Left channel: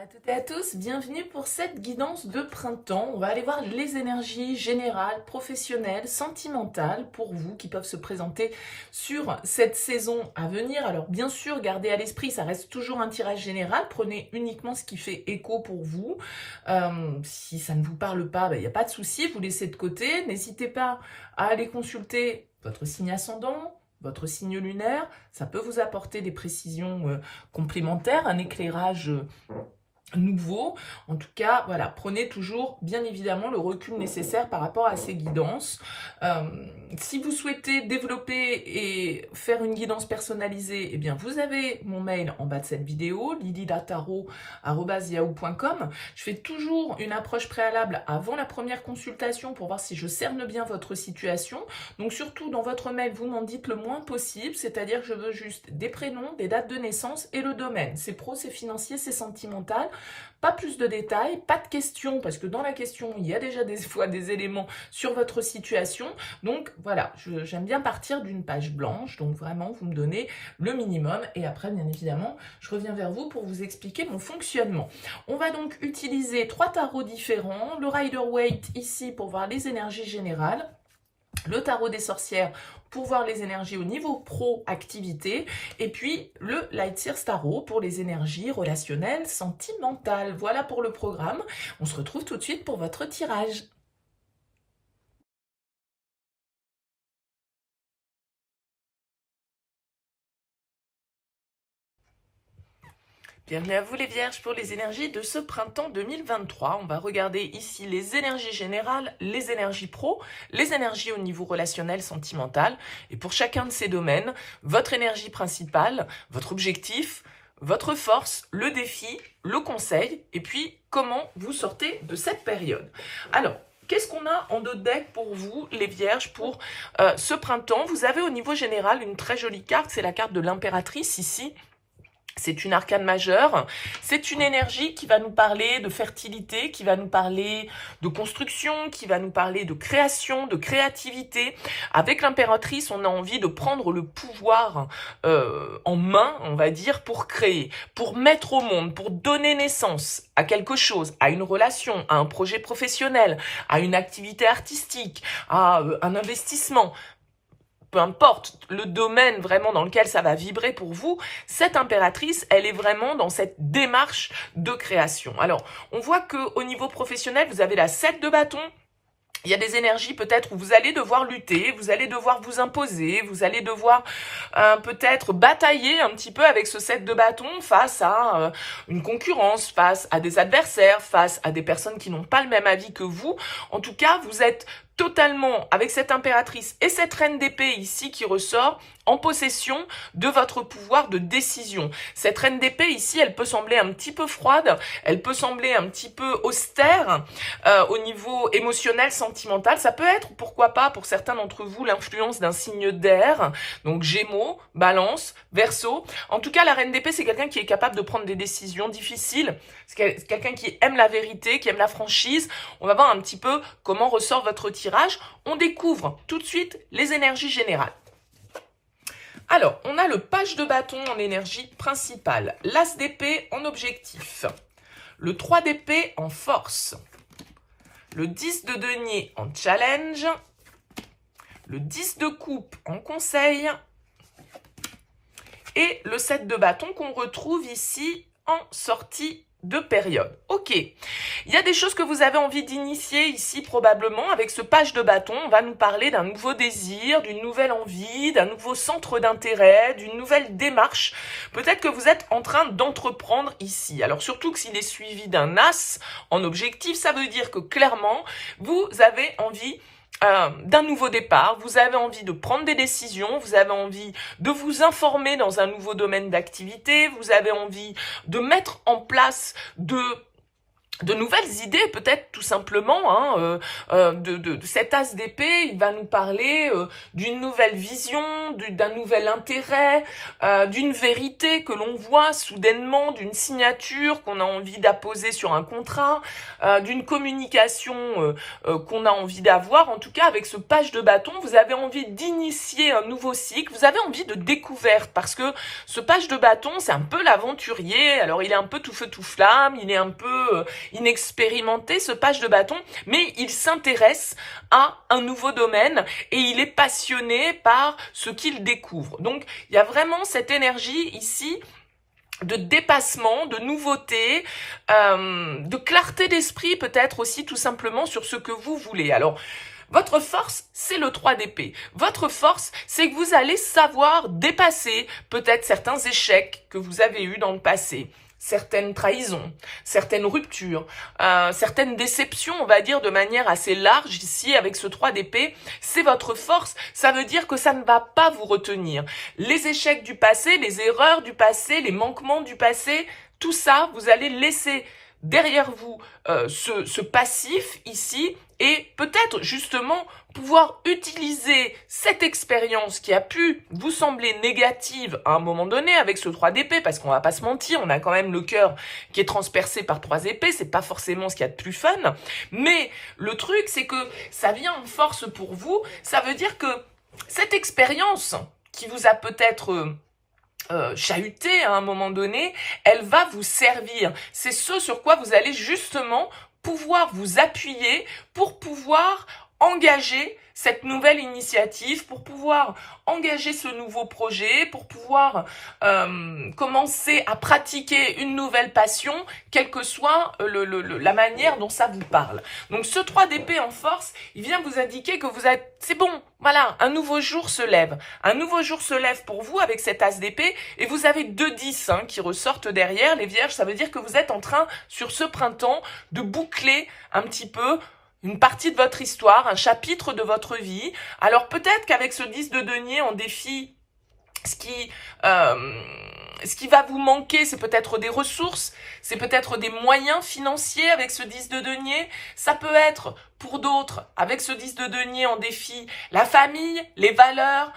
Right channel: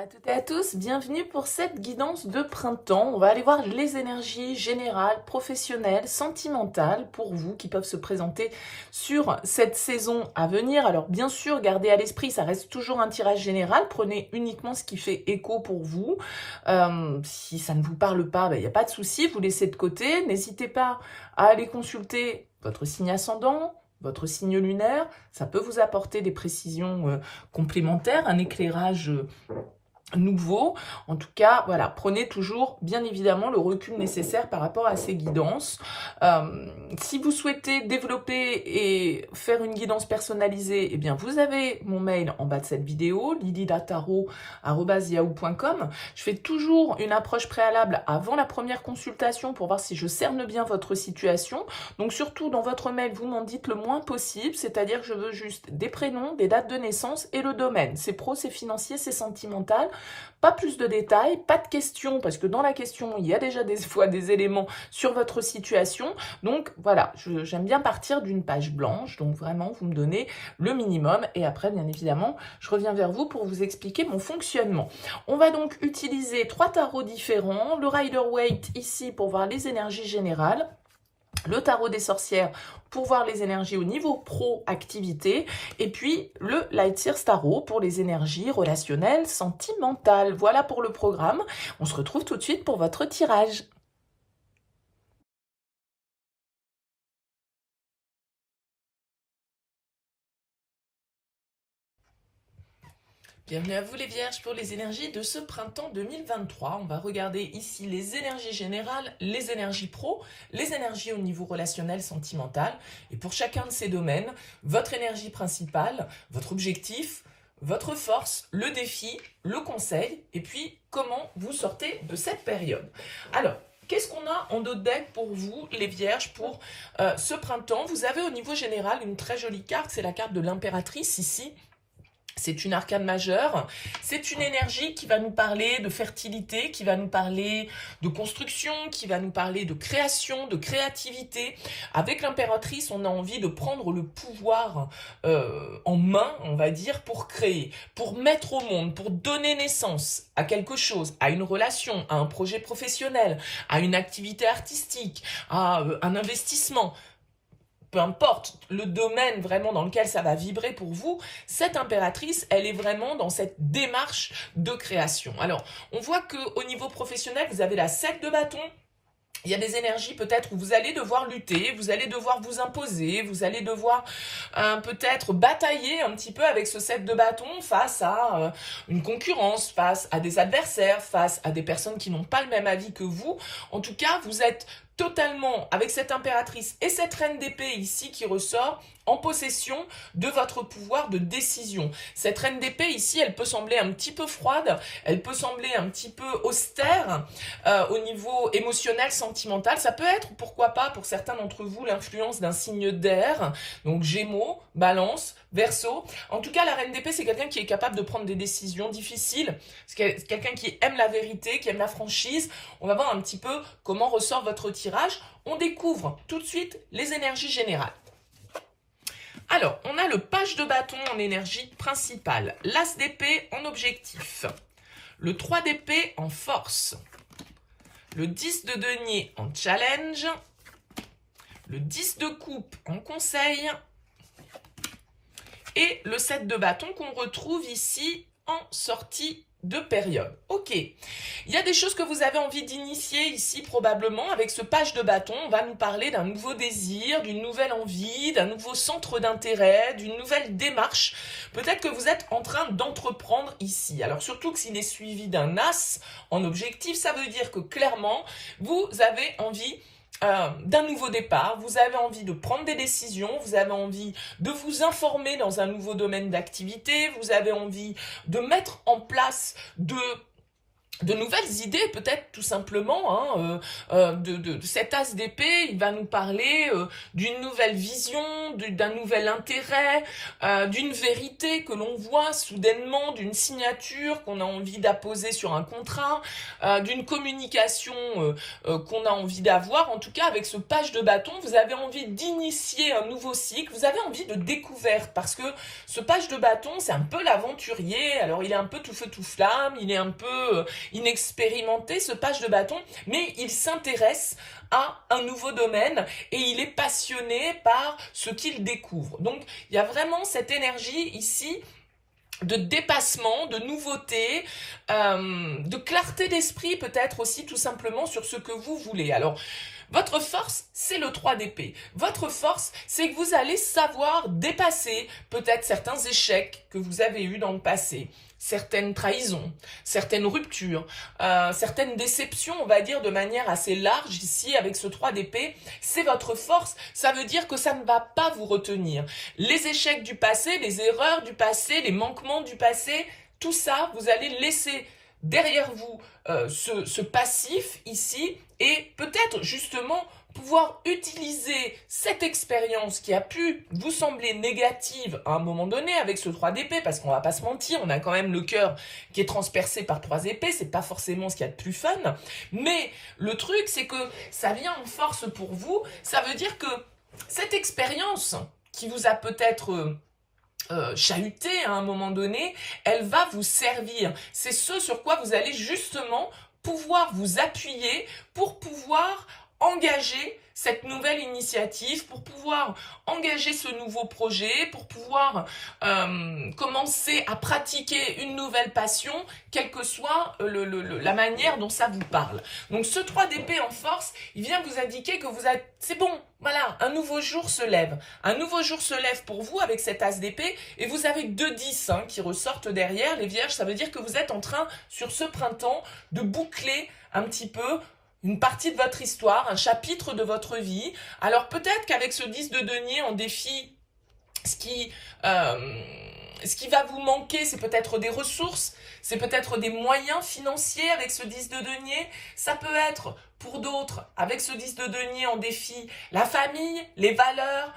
à toutes et à tous, bienvenue pour cette guidance de printemps. On va aller voir les énergies générales, professionnelles, sentimentales pour vous qui peuvent se présenter sur cette saison à venir. Alors bien sûr, gardez à l'esprit, ça reste toujours un tirage général. Prenez uniquement ce qui fait écho pour vous. Si ça ne vous parle pas, il n'y a pas de souci, vous laissez de côté. N'hésitez pas à aller consulter votre signe ascendant, votre signe lunaire, ça peut vous apporter des précisions complémentaires, un éclairage nouveau. En tout cas, voilà, prenez toujours, bien évidemment, le recul nécessaire par rapport à ces guidances. Si vous souhaitez développer et faire une guidance personnalisée, eh bien, vous avez mon mail en bas de cette vidéo, lilylataro@yahoo.com. Je fais toujours une approche préalable avant la première consultation pour voir si je cerne bien votre situation. Donc, surtout, dans votre mail, vous m'en dites le moins possible, c'est-à-dire que je veux juste des prénoms, des dates de naissance et le domaine. C'est pro, c'est financier, c'est sentimental. Pas plus de détails, pas de questions, parce que dans la question, il y a déjà des fois des éléments sur votre situation. Donc voilà, j'aime bien partir d'une page blanche. Donc vraiment, vous me donnez le minimum. Et après, bien évidemment, je reviens vers vous pour vous expliquer mon fonctionnement. On va donc utiliser 3 tarots différents. Le Rider-Waite ici pour voir les énergies générales. Le tarot des sorcières pour voir les énergies au niveau pro-activité, et puis le Light Years Tarot pour les énergies relationnelles, sentimentales. Voilà pour le programme. On se retrouve tout de suite pour votre tirage. Bienvenue à vous les Vierges pour les énergies de ce printemps 2023. On va regarder ici les énergies générales, les énergies pro, les énergies au niveau relationnel, sentimental. Et pour chacun de ces domaines, votre énergie principale, votre objectif, votre force, le défi, le conseil, et puis comment vous sortez de cette période. Alors, qu'est-ce qu'on a en dos de deck pour vous, les Vierges, pour ce printemps? Vous avez au niveau général une très jolie carte, c'est la carte de l'impératrice ici. C'est une arcane majeure, c'est une énergie qui va nous parler de fertilité, qui va nous parler de construction, qui va nous parler de création, de créativité. Avec l'impératrice, on a envie de prendre le pouvoir en main, on va dire, pour créer, pour mettre au monde, pour donner naissance à quelque chose, à une relation, à un projet professionnel, à une activité artistique, à un investissement. Peu importe le domaine vraiment dans lequel ça va vibrer pour vous, cette impératrice, elle est vraiment dans cette démarche de création. Alors, on voit qu'au niveau professionnel, vous avez la 7 de bâton. Il y a des énergies peut-être où vous allez devoir lutter, vous allez devoir vous imposer, vous allez devoir peut-être batailler un petit peu avec ce 7 de bâton face à une concurrence, face à des adversaires, face à des personnes qui n'ont pas le même avis que vous. En tout cas, vous êtes totalement, avec cette impératrice et cette reine d'épée ici qui ressort, en possession de votre pouvoir de décision. Cette reine d'épée ici, elle peut sembler un petit peu froide, elle peut sembler un petit peu austère au niveau émotionnel, sentimental. Ça peut être, pourquoi pas, pour certains d'entre vous, l'influence d'un signe d'air, donc Gémeaux, Balance, Verseau. En tout cas, la reine d'épée, c'est quelqu'un qui est capable de prendre des décisions difficiles. C'est quelqu'un qui aime la vérité, qui aime la franchise. On va voir un petit peu comment ressort votre tirage. On découvre tout de suite les énergies générales. Alors, on a le page de bâton en énergie principale, l'as d'épée en objectif, le 3 d'épée en force, le 10 de denier en challenge, le 10 de coupe en conseil et le 7 de bâton qu'on retrouve ici en sortie de période. Ok, il y a des choses que vous avez envie d'initier ici probablement avec ce page de bâton. On va nous parler d'un nouveau désir, d'une nouvelle envie, d'un nouveau centre d'intérêt, d'une nouvelle démarche. Peut-être que vous êtes en train d'entreprendre ici. Alors surtout que s'il est suivi d'un as en objectif, ça veut dire que clairement, vous avez envie d'un nouveau départ, vous avez envie de prendre des décisions, vous avez envie de vous informer dans un nouveau domaine d'activité, vous avez envie de mettre en place, de de nouvelles idées, peut-être tout simplement, de cet as d'épée. Il va nous parler d'une nouvelle vision, d'un nouvel intérêt, d'une vérité que l'on voit soudainement, d'une signature qu'on a envie d'apposer sur un contrat, d'une communication qu'on a envie d'avoir. En tout cas, avec ce page de bâton, vous avez envie d'initier un nouveau cycle, vous avez envie de découverte, parce que ce page de bâton, c'est un peu l'aventurier. Alors, il est un peu tout feu tout flamme, il est un peu inexpérimenté, ce page de bâton, mais il s'intéresse à un nouveau domaine et il est passionné par ce qu'il découvre. Donc, il y a vraiment cette énergie ici de dépassement, de nouveauté, de clarté d'esprit peut-être aussi tout simplement sur ce que vous voulez. Alors, votre force, c'est le 3 d'épée. Votre force, c'est que vous allez savoir dépasser peut-être certains échecs que vous avez eus dans le passé, certaines trahisons, certaines ruptures, certaines déceptions, on va dire de manière assez large ici avec ce 3 d'épée. C'est votre force, ça veut dire que ça ne va pas vous retenir. Les échecs du passé, les erreurs du passé, les manquements du passé, tout ça, vous allez laisser derrière vous ce passif ici et peut-être justement pouvoir utiliser cette expérience qui a pu vous sembler négative à un moment donné avec ce 3 d'épée, parce qu'on va pas se mentir, on a quand même le cœur qui est transpercé par 3 épées, c'est pas forcément ce qu'il y a de plus fun, mais le truc c'est que ça vient en force pour vous, ça veut dire que cette expérience qui vous a peut-être chahuté à un moment donné, elle va vous servir. C'est ce sur quoi vous allez justement pouvoir vous appuyer pour pouvoir engager cette nouvelle initiative, pour pouvoir engager ce nouveau projet, pour pouvoir commencer à pratiquer une nouvelle passion, quelle que soit la manière dont ça vous parle. Donc ce 3 d'épée en force, il vient vous indiquer que vous êtes, c'est bon, voilà, un nouveau jour se lève. Un nouveau jour se lève pour vous avec cet as d'épée et vous avez 2 10 qui ressortent derrière. Les vierges, ça veut dire que vous êtes en train, sur ce printemps, de boucler un petit peu une partie de votre histoire, un chapitre de votre vie. Alors peut-être qu'avec ce 10 de denier en défi, ce qui va vous manquer, c'est peut-être des ressources, c'est peut-être des moyens financiers avec ce 10 de denier. Ça peut être, pour d'autres, avec ce 10 de denier en défi, la famille, les valeurs,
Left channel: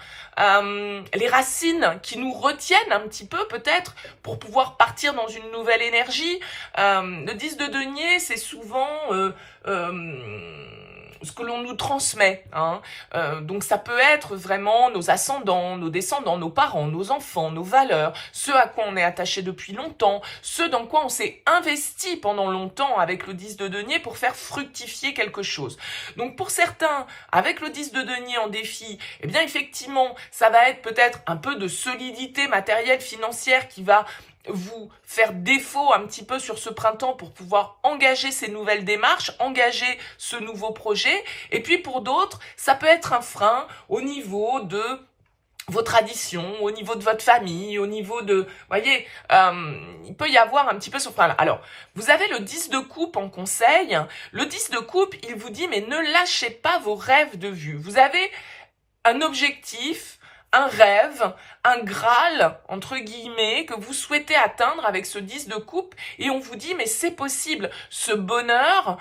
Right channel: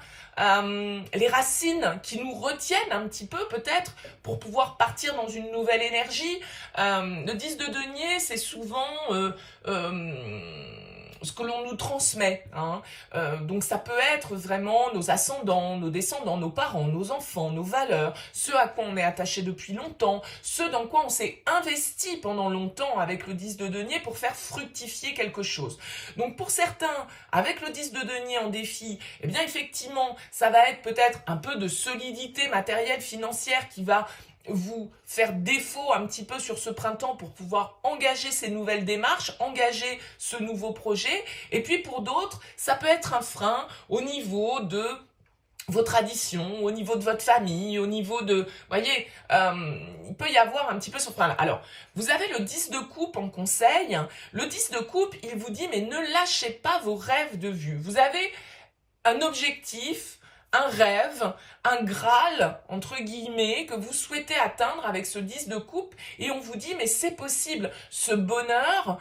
les racines qui nous retiennent un petit peu peut-être pour pouvoir partir dans une nouvelle énergie. Le 10 de denier, c'est souvent ce que l'on nous transmet. Donc ça peut être vraiment nos ascendants, nos descendants, nos parents, nos enfants, nos valeurs, ce à quoi on est attaché depuis longtemps, ce dans quoi on s'est investi pendant longtemps avec le 10 de denier pour faire fructifier quelque chose. Donc pour certains, avec le 10 de denier en défi, eh bien effectivement, ça va être peut-être un peu de solidité matérielle, financière qui va vous faire défaut un petit peu sur ce printemps pour pouvoir engager ces nouvelles démarches, engager ce nouveau projet. Et puis pour d'autres, ça peut être un frein au niveau de vos traditions, au niveau de votre famille, au niveau de... voyez, il peut y avoir un petit peu ce frein-là. Alors, vous avez le 10 de coupe en conseil. Le 10 de coupe, il vous dit, mais ne lâchez pas vos rêves de vue. Vous avez un objectif, un rêve, un Graal, entre guillemets, que vous souhaitez atteindre avec ce 10 de coupe, et on vous dit, mais c'est possible, ce bonheur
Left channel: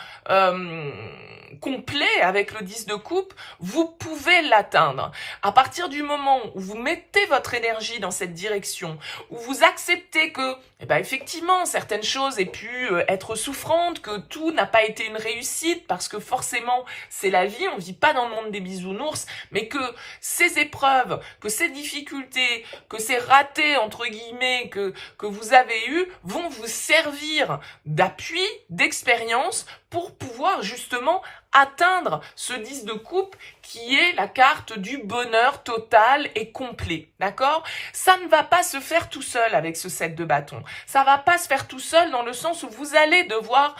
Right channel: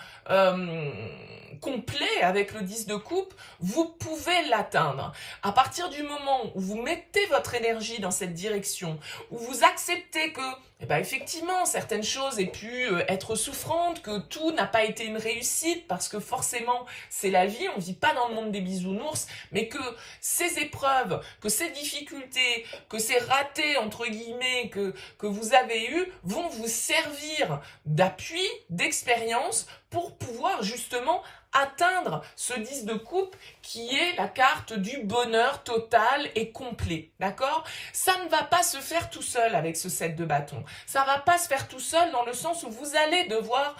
complet avec le 10 de coupe, vous pouvez l'atteindre. À partir du moment où vous mettez votre énergie dans cette direction, où vous acceptez que, effectivement, certaines choses aient pu être souffrantes, que tout n'a pas été une réussite, parce que forcément, c'est la vie, on ne vit pas dans le monde des bisounours, mais que ces épreuves, que ces difficultés, que ces ratés, entre guillemets, que vous avez eus, vont vous servir d'appui, d'expérience, pour pouvoir justement atteindre ce 10 de coupe qui est la carte du bonheur total et complet, d'accord? Ça ne va pas se faire tout seul avec ce 7 de bâton. Ça va pas se faire tout seul dans le sens où vous allez devoir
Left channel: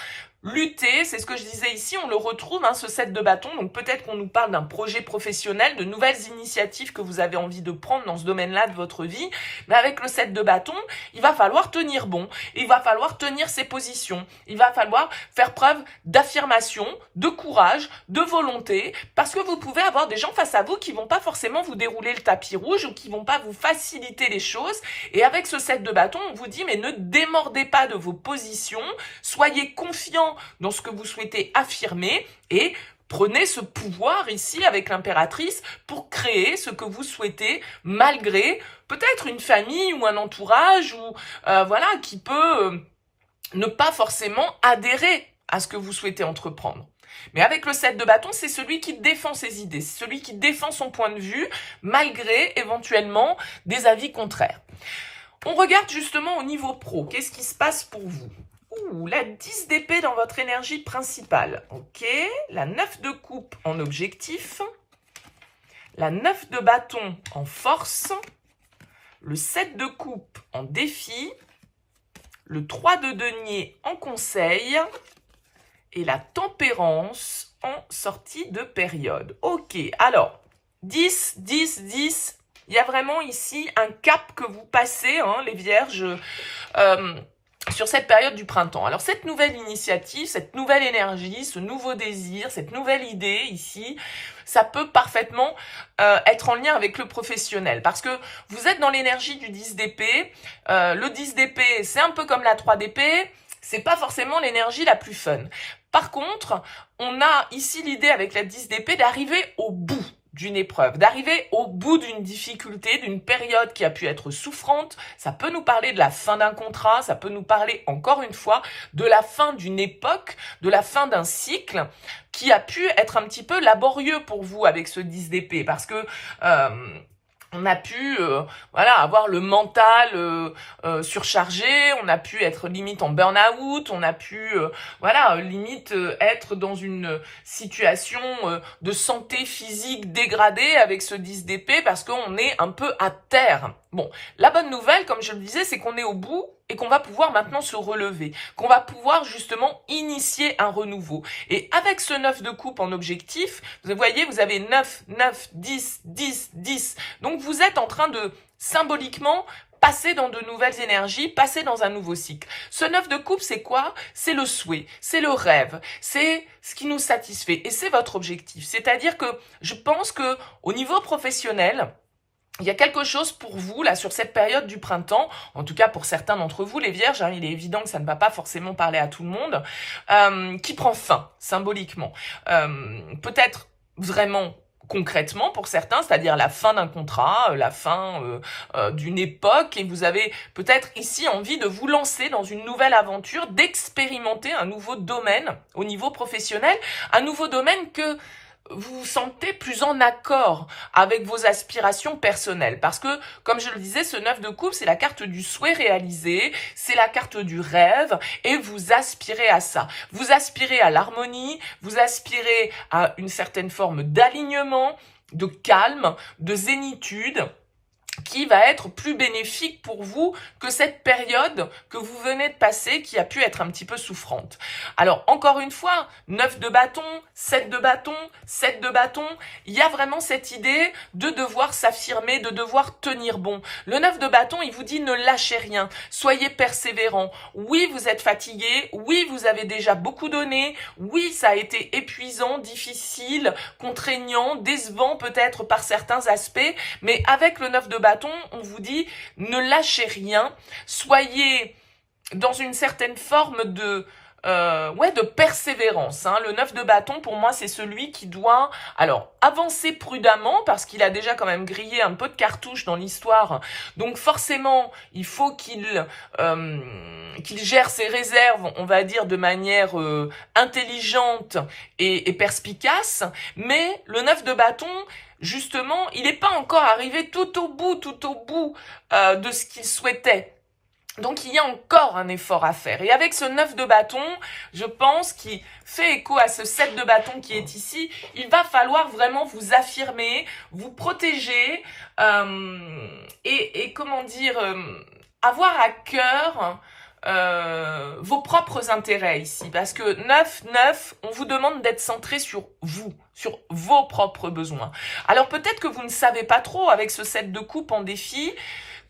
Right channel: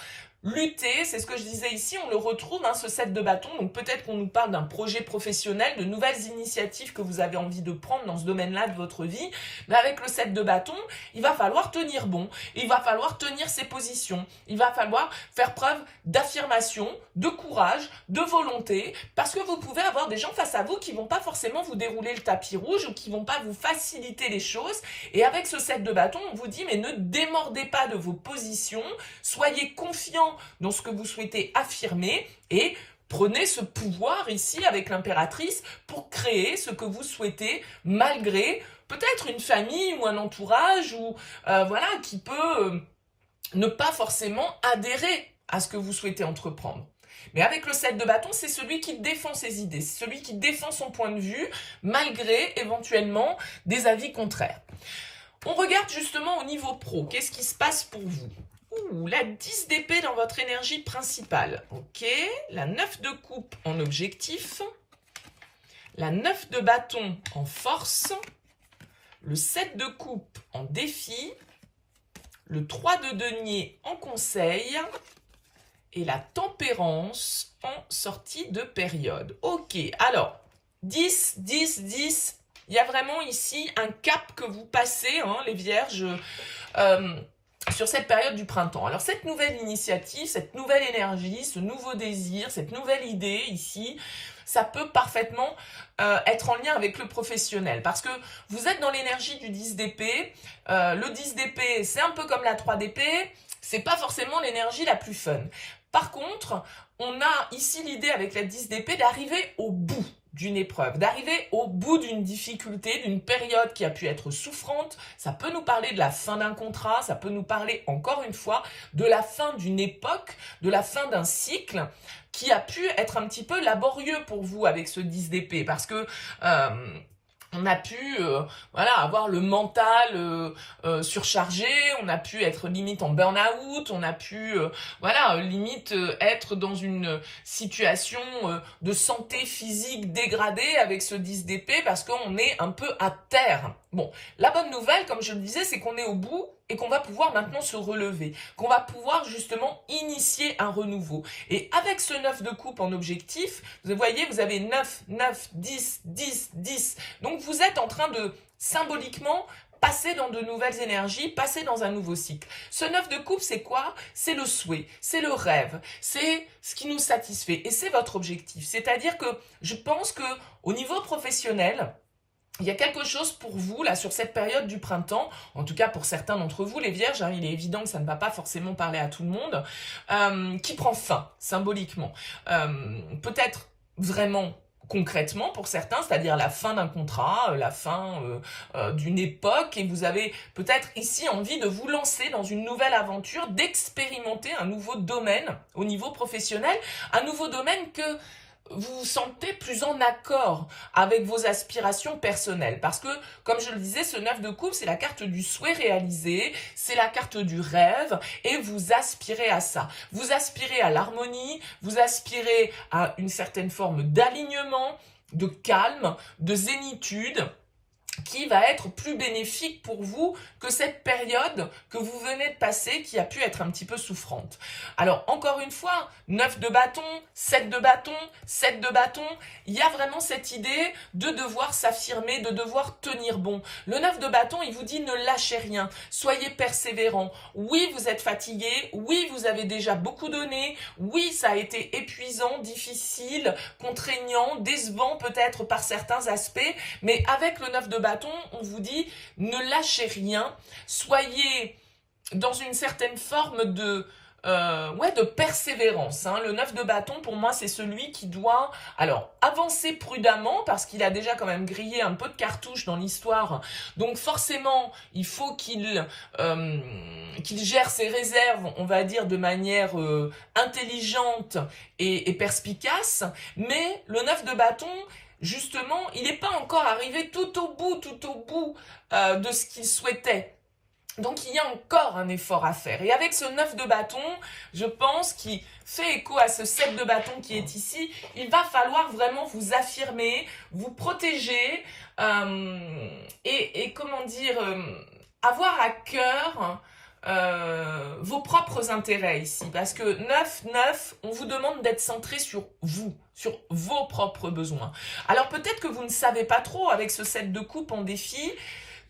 lutter, c'est ce que je disais ici, on le retrouve, ce 7 de bâton, donc peut-être qu'on nous parle d'un projet professionnel, de nouvelles initiatives que vous avez envie de prendre dans ce domaine-là de votre vie, mais avec le 7 de bâton, il va falloir tenir bon, il va falloir tenir ses positions, il va falloir faire preuve d'affirmation, de courage, de volonté, parce que vous pouvez avoir des gens face à vous qui vont pas forcément vous dérouler le tapis rouge ou qui vont pas vous faciliter les choses, et avec ce 7 de bâton, on vous dit, mais ne démordez pas de vos positions, soyez confiants vraiment dans ce que vous souhaitez affirmer et prenez ce pouvoir ici avec l'impératrice pour créer ce que vous souhaitez malgré peut-être une famille ou un entourage ou voilà qui peut ne pas forcément adhérer à ce que vous souhaitez entreprendre. Mais avec le 7 de bâton, c'est celui qui défend ses idées, c'est celui qui défend son point de vue malgré éventuellement des avis contraires. On regarde justement au niveau pro, qu'est-ce qui se passe pour vous? La 10 d'épée dans votre énergie principale. Ok, la 9 de coupe en objectif, la 9 de bâton en force, le 7 de coupe en défi, le 3 de denier en conseil et la tempérance en sortie de période. Ok, alors 10, 10, 10, il y a vraiment ici un cap que vous passez, hein, les vierges, sur cette période du printemps. Alors cette nouvelle initiative, cette nouvelle énergie, ce nouveau désir, cette nouvelle idée ici, ça peut parfaitement être en lien avec le professionnel parce que vous êtes dans l'énergie du 10 d'épée. Le 10 d'épée, c'est un peu comme la 3 d'épée, c'est pas forcément l'énergie la plus fun. Par contre, on a ici l'idée avec la 10 d'épée d'arriver au bout d'une épreuve, d'arriver au bout d'une difficulté, d'une période qui a pu être souffrante. Ça peut nous parler de la fin d'un contrat, ça peut nous parler encore une fois de la fin d'une époque, de la fin d'un cycle qui a pu être un petit peu laborieux pour vous avec ce 10 d'épée parce que on a pu voilà, avoir le mental surchargé, on a pu être limite en burn-out, on a pu voilà, limite être dans une situation de santé physique dégradée avec ce 10 d'épée parce qu'on est un peu à terre. Bon, la bonne nouvelle, comme je le disais, c'est qu'on est au bout et qu'on va pouvoir maintenant se relever, qu'on va pouvoir justement initier un renouveau. Et avec ce 9 de coupe en objectif, vous voyez, vous avez 9, 9, 10, 10, 10. Donc vous êtes en train de symboliquement passer dans de nouvelles énergies, passer dans un nouveau cycle. Ce 9 de coupe, c'est quoi? C'est le souhait, c'est le rêve, c'est ce qui nous satisfait et c'est votre objectif. C'est-à-dire que je pense que au niveau professionnel, il y a quelque chose pour vous, là, sur cette période du printemps, en tout cas pour certains d'entre vous, les vierges, hein, il est évident que ça ne va pas forcément parler à tout le monde, qui prend fin, symboliquement. Peut-être vraiment concrètement pour certains, c'est-à-dire la fin d'un contrat, la fin d'une époque, et vous avez peut-être ici envie de vous lancer dans une nouvelle aventure, d'expérimenter un nouveau domaine au niveau professionnel, un nouveau domaine que vous vous sentez plus en accord avec vos aspirations personnelles. Parce que, comme je le disais, ce 9 de coupe, c'est la carte du souhait réalisé, c'est la carte du rêve, et vous aspirez à ça. Vous aspirez à l'harmonie, vous aspirez à une certaine forme d'alignement, de calme, de zénitude, qui va être plus bénéfique pour vous que cette période que vous venez de passer qui a pu être un petit peu souffrante. Alors, encore une fois, 9 de bâton, 7 de bâton, 7 de bâton, il y a vraiment cette idée de devoir s'affirmer, de devoir tenir bon. Le 9 de bâton, il vous dit ne lâchez rien, soyez persévérant. Oui, vous êtes fatigué, oui, vous avez déjà beaucoup donné, oui, ça a été épuisant, difficile, contraignant, décevant peut-être par certains aspects, mais avec le 9 de bâton, on vous dit ne lâchez rien, soyez dans une certaine forme de persévérance. Hein. Le 9 de bâton, pour moi, c'est celui qui doit avancer prudemment parce qu'il a déjà quand même grillé un peu de cartouches dans l'histoire. Donc forcément, il faut qu'il gère ses réserves, on va dire, de manière intelligente et perspicace. Mais le 9 de bâton, justement, il n'est pas encore arrivé tout au bout de ce qu'il souhaitait. Donc, il y a encore un effort à faire. Et avec ce 9 de bâton, je pense qu'il fait écho à ce 7 de bâton qui est ici. Il va falloir vraiment vous affirmer, vous protéger et comment dire, avoir à cœur vos propres intérêts ici. Parce que 9, on vous demande d'être centré sur vous, sur vos propres besoins. Alors, peut-être que vous ne savez pas trop, avec ce 7 de coupe en défi,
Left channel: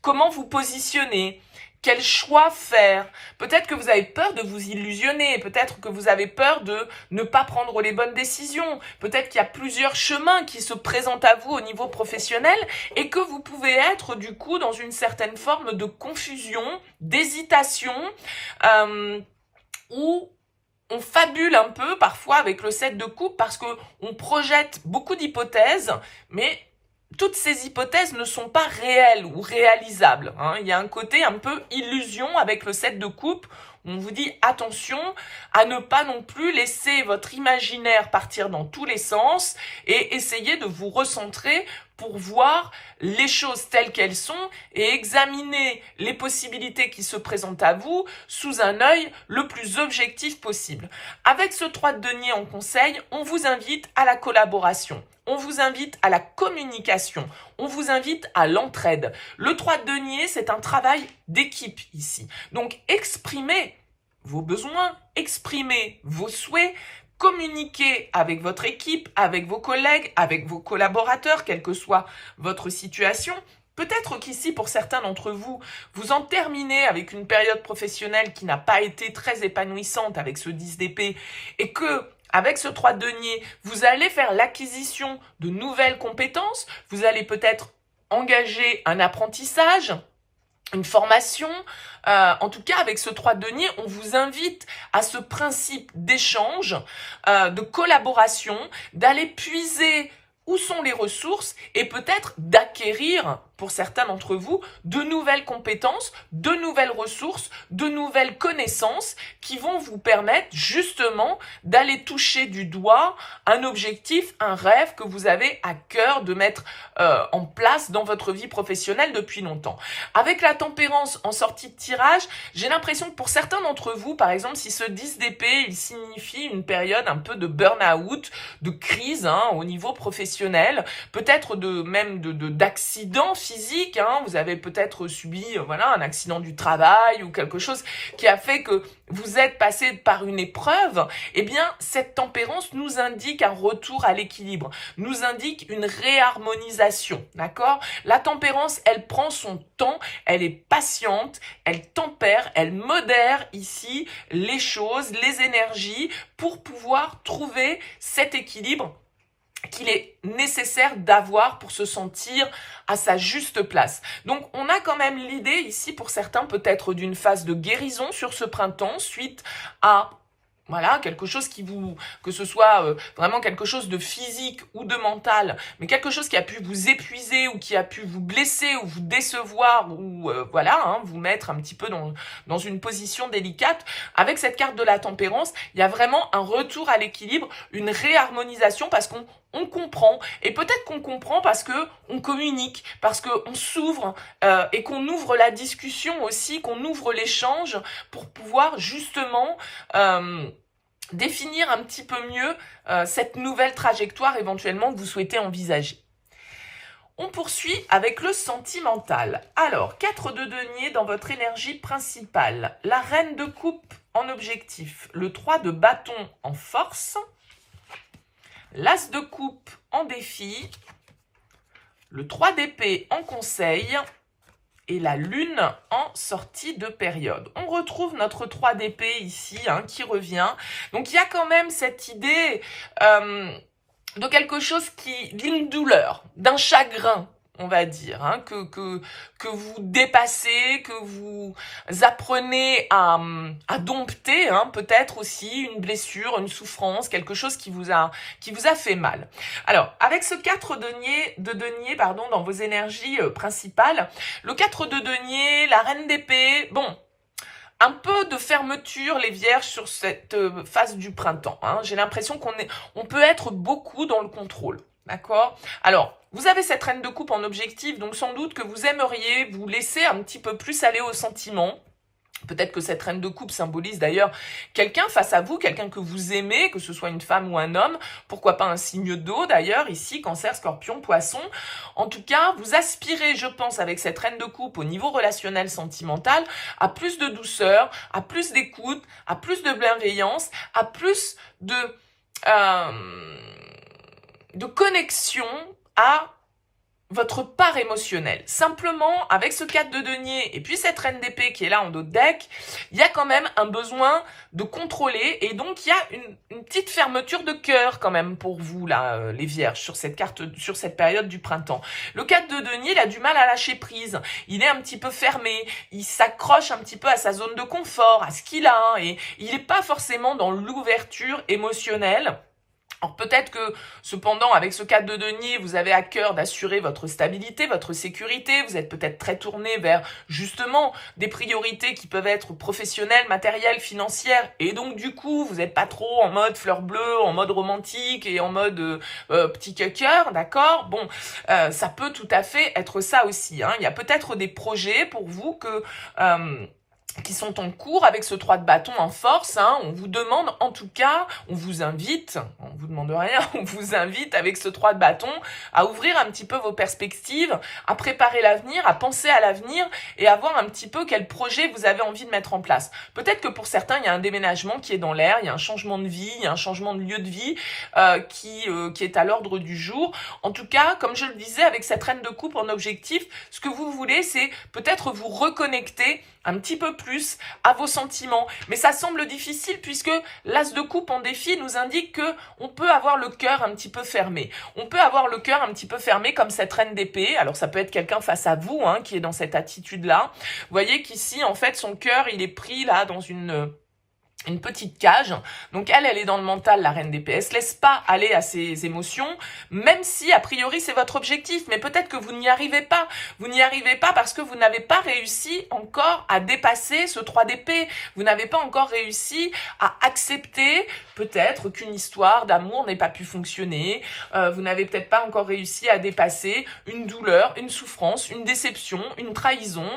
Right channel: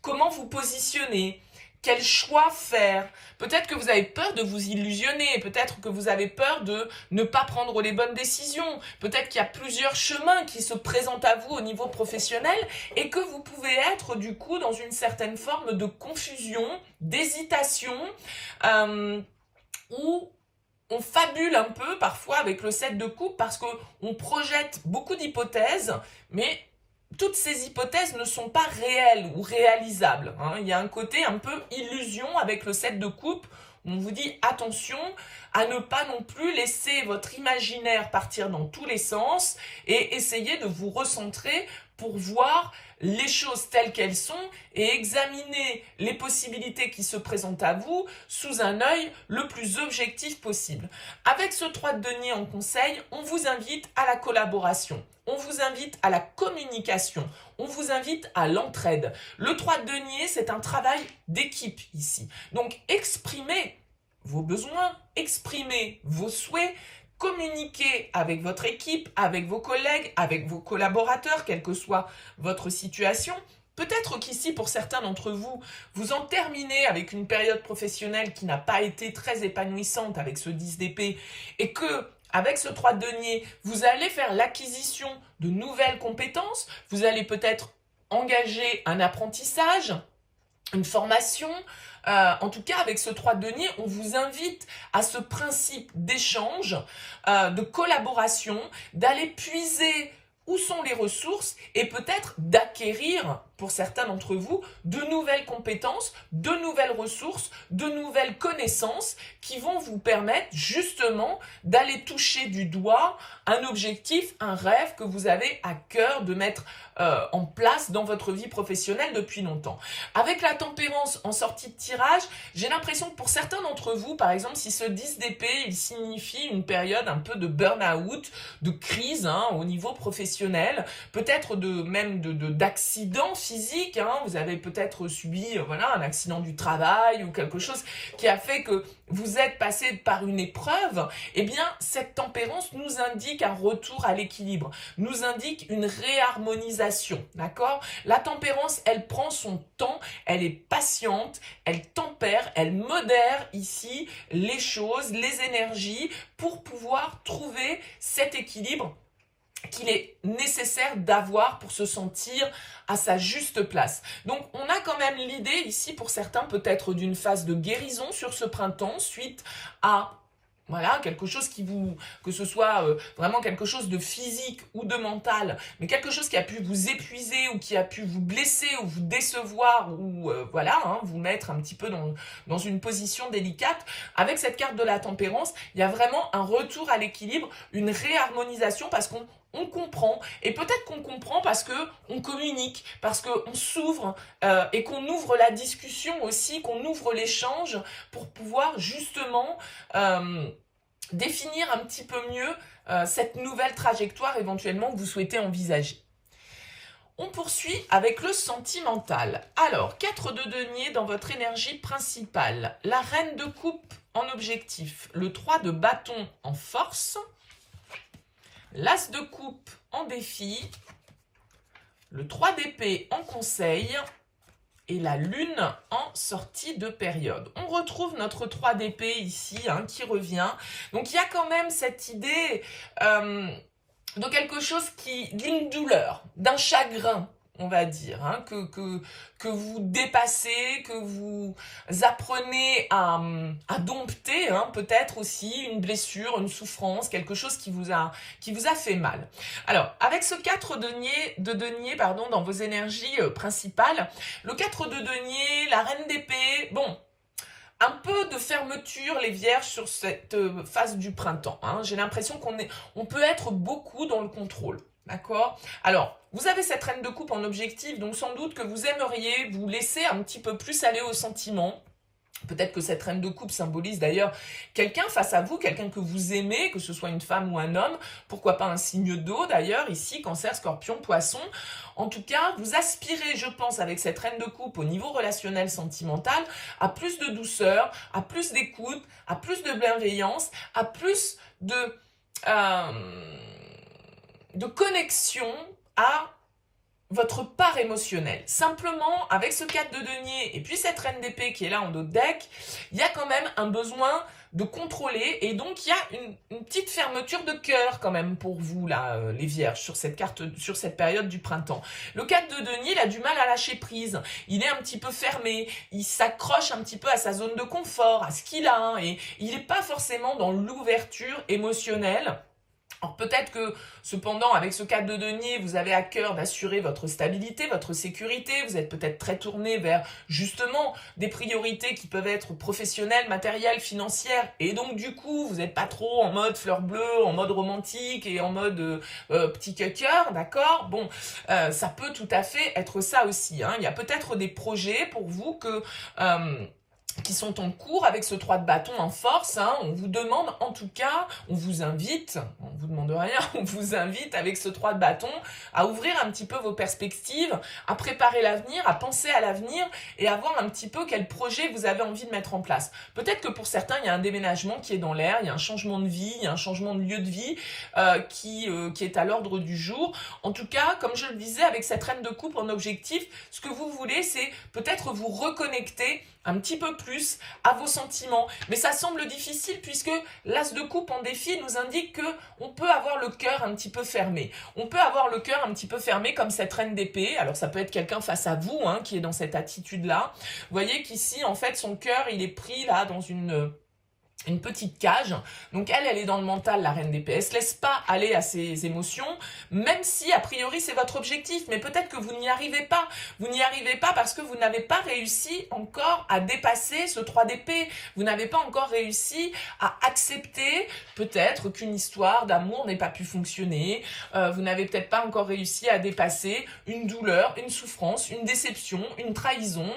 comment vous positionner. Quel choix faire? Peut-être que vous avez peur de vous illusionner, peut-être que vous avez peur de ne pas prendre les bonnes décisions, peut-être qu'il y a plusieurs chemins qui se présentent à vous au niveau professionnel et que vous pouvez être du coup dans une certaine forme de confusion, d'hésitation ou on fabule un peu parfois avec le 7 de coupe parce qu'on projette beaucoup d'hypothèses, mais toutes ces hypothèses ne sont pas réelles ou réalisables. Il y a un côté un peu illusion avec le 7 de coupe. On vous dit attention à ne pas non plus laisser votre imaginaire partir dans tous les sens et essayer de vous recentrer pour voir les choses telles qu'elles sont et examiner les possibilités qui se présentent à vous sous un œil le plus objectif possible. Avec ce 3 de denier en conseil, on vous invite à la collaboration, on vous invite à la communication, on vous invite à l'entraide. Le 3 de denier, c'est un travail d'équipe ici. Donc exprimez vos besoins, exprimez vos souhaits, communiquez avec votre équipe, avec vos collègues, avec vos collaborateurs, quelle que soit votre situation. Peut-être qu'ici, pour certains d'entre vous, vous en terminez avec une période professionnelle qui n'a pas été très épanouissante avec ce 10 d'épée et que, avec ce 3 de denier, vous allez faire l'acquisition de nouvelles compétences, vous allez peut-être engager un apprentissage, une formation. En tout cas, avec ce 3 de denier, on vous invite à ce principe d'échange, de collaboration, d'aller puiser où sont les ressources et peut-être d'acquérir, pour certains d'entre vous, de nouvelles compétences, de nouvelles ressources, de nouvelles connaissances qui vont vous permettre justement d'aller toucher du doigt un objectif, un rêve que vous avez à cœur de mettre en place dans votre vie professionnelle depuis longtemps. Avec la tempérance en sortie de tirage, j'ai l'impression que pour certains d'entre vous, par exemple, si ce 10 d'épée, il signifie une période un peu de burn-out, de crise au niveau professionnel, peut-être d'accident physique, vous avez peut-être subi un accident du travail ou quelque chose qui a fait que vous êtes passé par une épreuve, eh bien cette tempérance nous indique un retour à l'équilibre, nous indique une réharmonisation, d'accord? La tempérance, elle prend son temps, elle est patiente, elle tempère, elle modère ici les choses, les énergies pour pouvoir trouver cet équilibre qu'il est nécessaire d'avoir pour se sentir à sa juste place. Donc, on a quand même l'idée ici, pour certains, peut-être d'une phase de guérison sur ce printemps, suite à quelque chose que ce soit vraiment quelque chose de physique ou de mental, mais quelque chose qui a pu vous épuiser ou qui a pu vous blesser ou vous décevoir ou vous mettre un petit peu dans une position délicate. Avec cette carte de la tempérance, il y a vraiment un retour à l'équilibre, une réharmonisation parce qu'on comprend, et peut-être qu'on comprend parce que on communique, parce qu'on s'ouvre et qu'on ouvre la discussion aussi, qu'on ouvre l'échange pour pouvoir justement définir un petit peu mieux cette nouvelle trajectoire éventuellement que vous souhaitez envisager. On poursuit avec le sentimental. Alors, 4 de denier dans votre énergie principale, la reine de coupe en objectif, le 3 de bâton en force, l'as de coupe en défi, le 3 d'épée en conseil et la lune en sortie de période. On retrouve notre 3 d'épée ici qui revient. Donc il y a quand même cette idée de quelque chose d'une douleur, d'un chagrin, on va dire, que vous dépassez, que vous apprenez à dompter, peut-être aussi une blessure, une souffrance, quelque chose qui vous a fait mal. Alors, avec ce 4 de denier dans vos énergies principales, le 4 de denier, la reine d'épée, un peu de fermeture, les vierges, sur cette phase du printemps. J'ai l'impression qu'on peut être beaucoup dans le contrôle. D'accord? Alors, vous avez cette reine de coupe en objectif, donc sans doute que vous aimeriez vous laisser un petit peu plus aller au sentiment. Peut-être que cette reine de coupe symbolise d'ailleurs quelqu'un face à vous, quelqu'un que vous aimez, que ce soit une femme ou un homme. Pourquoi pas un signe d'eau d'ailleurs, ici, Cancer, Scorpion, Poisson. En tout cas, vous aspirez, je pense, avec cette reine de coupe au niveau relationnel sentimental, à plus de douceur, à plus d'écoute, à plus de bienveillance, à plus de connexion à votre part émotionnelle. Simplement, avec ce 4 de denier et puis cette reine d'épée qui est là en dos de deck, il y a quand même un besoin de contrôler et donc il y a une petite fermeture de cœur quand même pour vous là, les vierges, sur cette carte, sur cette période du printemps. Le 4 de denier, il a du mal à lâcher prise, il est un petit peu fermé, il s'accroche un petit peu à sa zone de confort, à ce qu'il a, et il n'est pas forcément dans l'ouverture émotionnelle. Alors peut-être que, cependant, avec ce 4 de denier, vous avez à cœur d'assurer votre stabilité, votre sécurité. Vous êtes peut-être très tourné vers, justement, des priorités qui peuvent être professionnelles, matérielles, financières. Et donc, du coup, vous n'êtes pas trop en mode fleur bleue, en mode romantique et en mode petit cœur, d'accord? Bon, ça peut tout à fait être ça aussi, hein. Il y a peut-être des projets pour vous qui sont en cours avec ce 3 de bâton en force, hein. On vous demande, en tout cas, on vous invite, on vous demande rien, on vous invite avec ce 3 de bâton à ouvrir un petit peu vos perspectives, à préparer l'avenir, à penser à l'avenir et à voir un petit peu quel projet vous avez envie de mettre en place. Peut-être que pour certains, il y a un déménagement qui est dans l'air, il y a un changement de vie, il y a un changement de lieu de vie qui est à l'ordre du jour. En tout cas, comme je le disais, avec cette reine de coupe en objectif, ce que vous voulez, c'est peut-être vous reconnecter un petit peu plus à vos sentiments. Mais ça semble difficile puisque l'as de coupe en défi nous indique que on peut avoir le cœur un petit peu fermé. On peut avoir le cœur un petit peu fermé comme cette reine d'épée. Alors ça peut être quelqu'un face à vous, hein, qui est dans cette attitude-là. Vous voyez qu'ici, en fait, son cœur, il est pris là dans une petite cage. Donc elle est dans le mental, la reine d'épée. Elle se laisse pas aller à ses émotions, même si a priori c'est votre objectif. Mais peut-être que vous n'y arrivez pas. Vous n'y arrivez pas parce que vous n'avez pas réussi encore à dépasser ce 3 d'épée. Vous n'avez pas encore réussi à accepter peut-être qu'une histoire d'amour n'ait pas pu fonctionner. Vous n'avez peut-être pas encore réussi à dépasser une douleur, une souffrance, une déception, une trahison,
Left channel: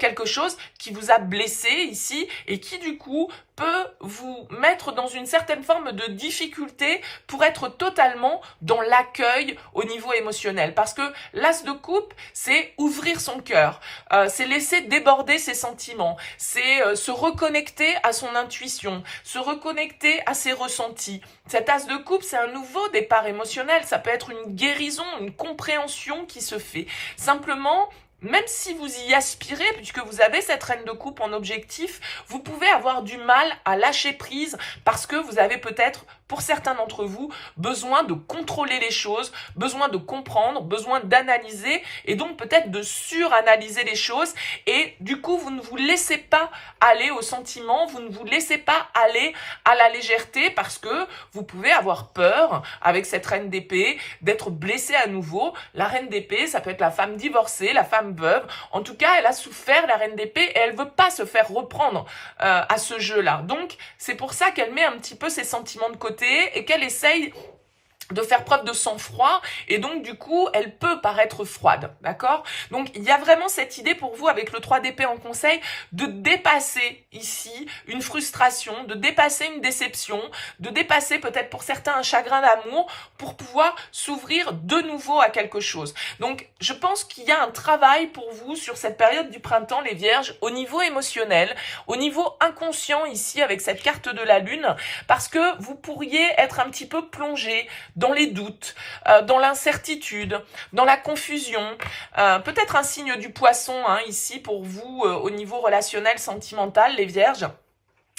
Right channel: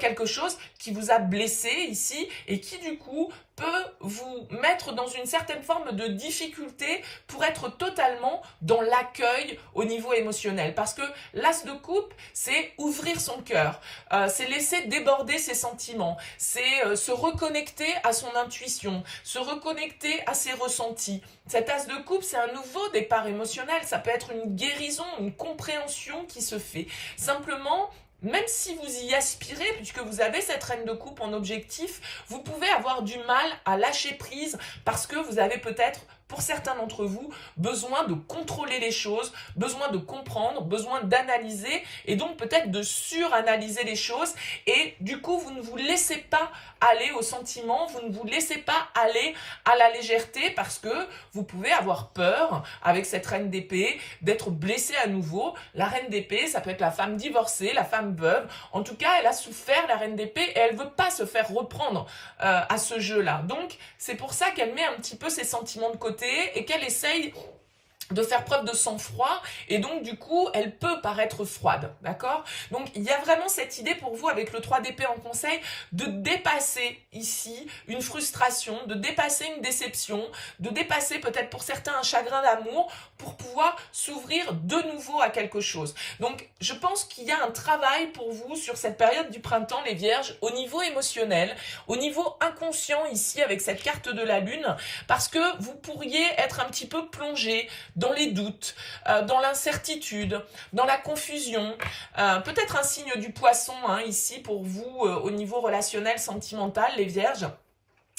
quelque chose qui vous a blessé ici et qui du coup peut vous mettre dans une certaine forme de difficulté pour être totalement dans l'accueil au niveau émotionnel. Parce que l'as de coupe, c'est ouvrir son cœur, c'est laisser déborder ses sentiments, c'est se reconnecter à son intuition, se reconnecter à ses ressentis. Cet as de coupe, c'est un nouveau départ émotionnel, ça peut être une guérison, une compréhension qui se fait. Simplement, même si vous y aspirez, puisque vous avez cette reine de coupe en objectif, vous pouvez avoir du mal à lâcher prise parce que vous avez peut-être, pour certains d'entre vous, besoin de contrôler les choses, besoin de comprendre, besoin d'analyser et donc peut-être de suranalyser les choses et du coup, vous ne vous laissez pas aller au sentiment, vous ne vous laissez pas aller à la légèreté parce que vous pouvez avoir peur avec cette reine d'épée d'être blessé à nouveau. La reine d'épée, ça peut être la femme divorcée, la femme veuve. En tout cas, elle a souffert, la reine d'épée, et elle veut pas se faire reprendre à ce jeu-là. Donc, c'est pour ça qu'elle met un petit peu ses sentiments de côté et qu'elle essaye de faire preuve de sang-froid et donc du coup elle peut paraître froide, d'accord? Donc il y a vraiment cette idée pour vous avec le 3 d'épée en conseil de dépasser ici une frustration, de dépasser une déception, de dépasser peut-être pour certains un chagrin d'amour pour pouvoir s'ouvrir de nouveau à quelque chose. Donc je pense qu'il y a un travail pour vous sur cette période du printemps les vierges au niveau émotionnel, au niveau inconscient ici avec cette carte de la lune parce que vous pourriez être un petit peu plongé dans les doutes, dans l'incertitude, dans la confusion. Peut-être un signe du poisson hein, ici pour vous au niveau relationnel, sentimental, les vierges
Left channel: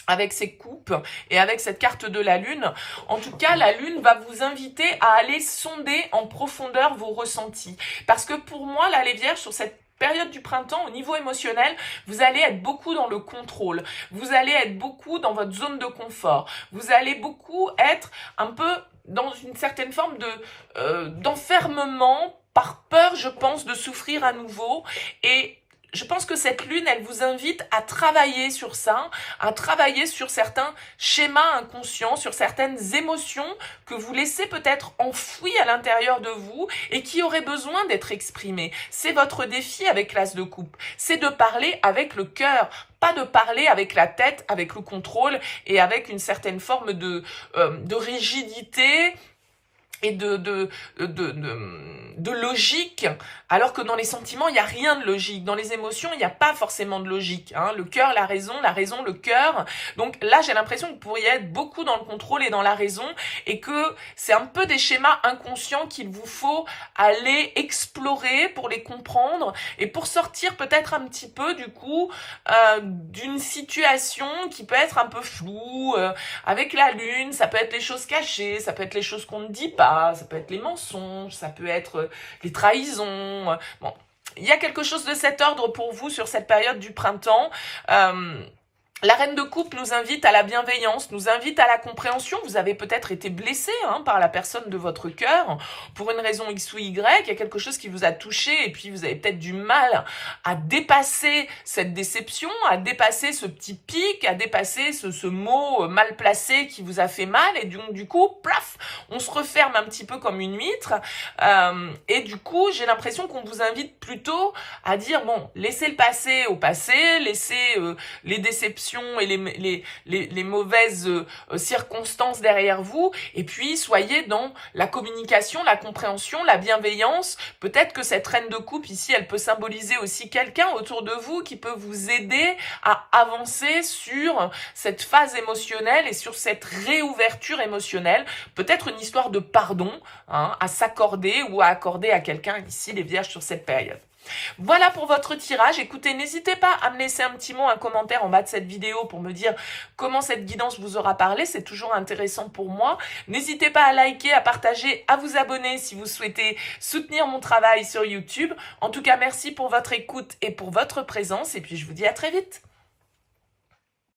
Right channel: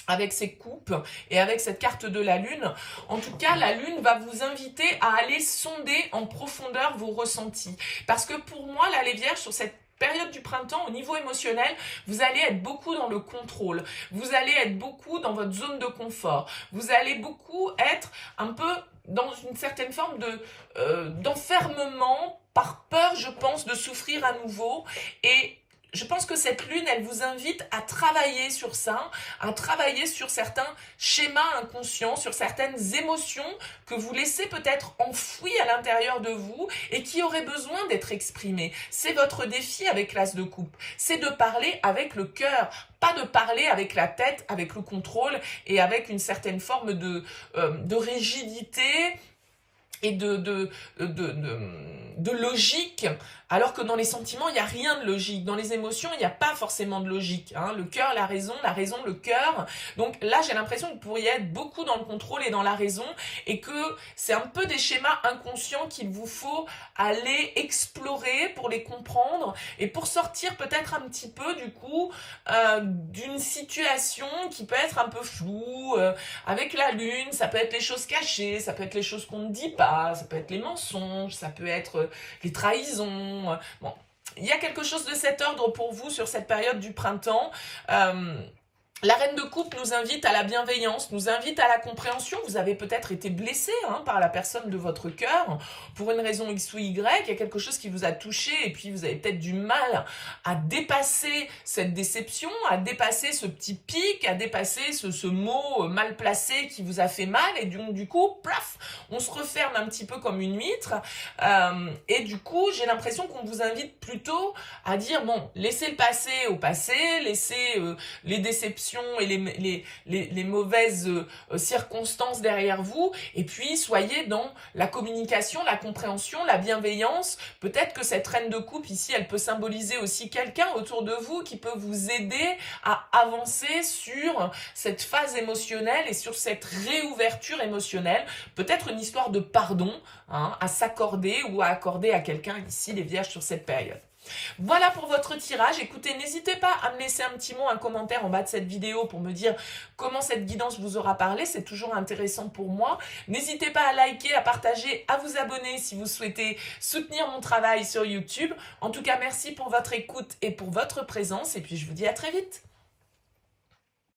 avec ces coupes et avec cette carte de la lune. En tout cas, la lune va vous inviter à aller sonder en profondeur vos ressentis. Parce que pour moi, là, les vierges, sur cette période du printemps, au niveau émotionnel, vous allez être beaucoup dans le contrôle. Vous allez être beaucoup dans votre zone de confort. Vous allez beaucoup être un peu dans une certaine forme d'enfermement par peur, je pense, de souffrir à nouveau. Et je pense que cette lune, elle vous invite à travailler sur ça, à travailler sur certains schémas inconscients, sur certaines émotions que vous laissez peut-être enfouies à l'intérieur de vous et qui auraient besoin d'être exprimées. C'est votre défi avec l'as de coupe, c'est de parler avec le cœur, pas de parler avec la tête, avec le contrôle et avec une certaine forme de rigidité et de logique Alors que dans les sentiments, il n'y a rien de logique. Dans les émotions, il n'y a pas forcément de logique. Hein. Le cœur, la raison, le cœur. Donc là, j'ai l'impression que vous pourriez être beaucoup dans le contrôle et dans la raison et que c'est un peu des schémas inconscients qu'il vous faut aller explorer pour les comprendre et pour sortir peut-être un petit peu du coup d'une situation qui peut être un peu floue avec la lune. Ça peut être les choses cachées, ça peut être les choses qu'on ne dit pas, ça peut être les mensonges, ça peut être les trahisons. Bon, il y a quelque chose de cet ordre pour vous sur cette période du printemps. La reine de coupe nous invite à la bienveillance, nous invite à la compréhension. Vous avez peut-être été blessé par la personne de votre cœur pour une raison X ou Y. Il y a quelque chose qui vous a touché et puis vous avez peut-être du mal à dépasser cette déception, à dépasser ce petit pic, à dépasser ce mot mal placé qui vous a fait mal. Et donc du coup, plaf, on se referme un petit peu comme une huître. Et du coup, j'ai l'impression qu'on vous invite plutôt à dire, bon, laissez le passé au passé, laissez les déceptions et les mauvaises circonstances derrière vous, et puis soyez dans la communication, la compréhension, la bienveillance. Peut-être que cette reine de coupe ici, elle peut symboliser aussi quelqu'un autour de vous qui peut vous aider à avancer sur cette phase émotionnelle et sur cette réouverture émotionnelle. Peut-être une histoire de pardon à s'accorder ou à accorder à quelqu'un ici, les vierges, sur cette période. Voilà pour votre tirage. Écoutez, n'hésitez pas à me laisser un petit mot, un commentaire en bas de cette vidéo pour me dire comment cette guidance vous aura parlé. C'est toujours intéressant pour moi. N'hésitez pas à liker, à partager, à vous abonner si vous souhaitez soutenir mon travail sur YouTube. En tout cas, merci pour votre écoute et pour votre présence. Et puis, je vous dis à très vite.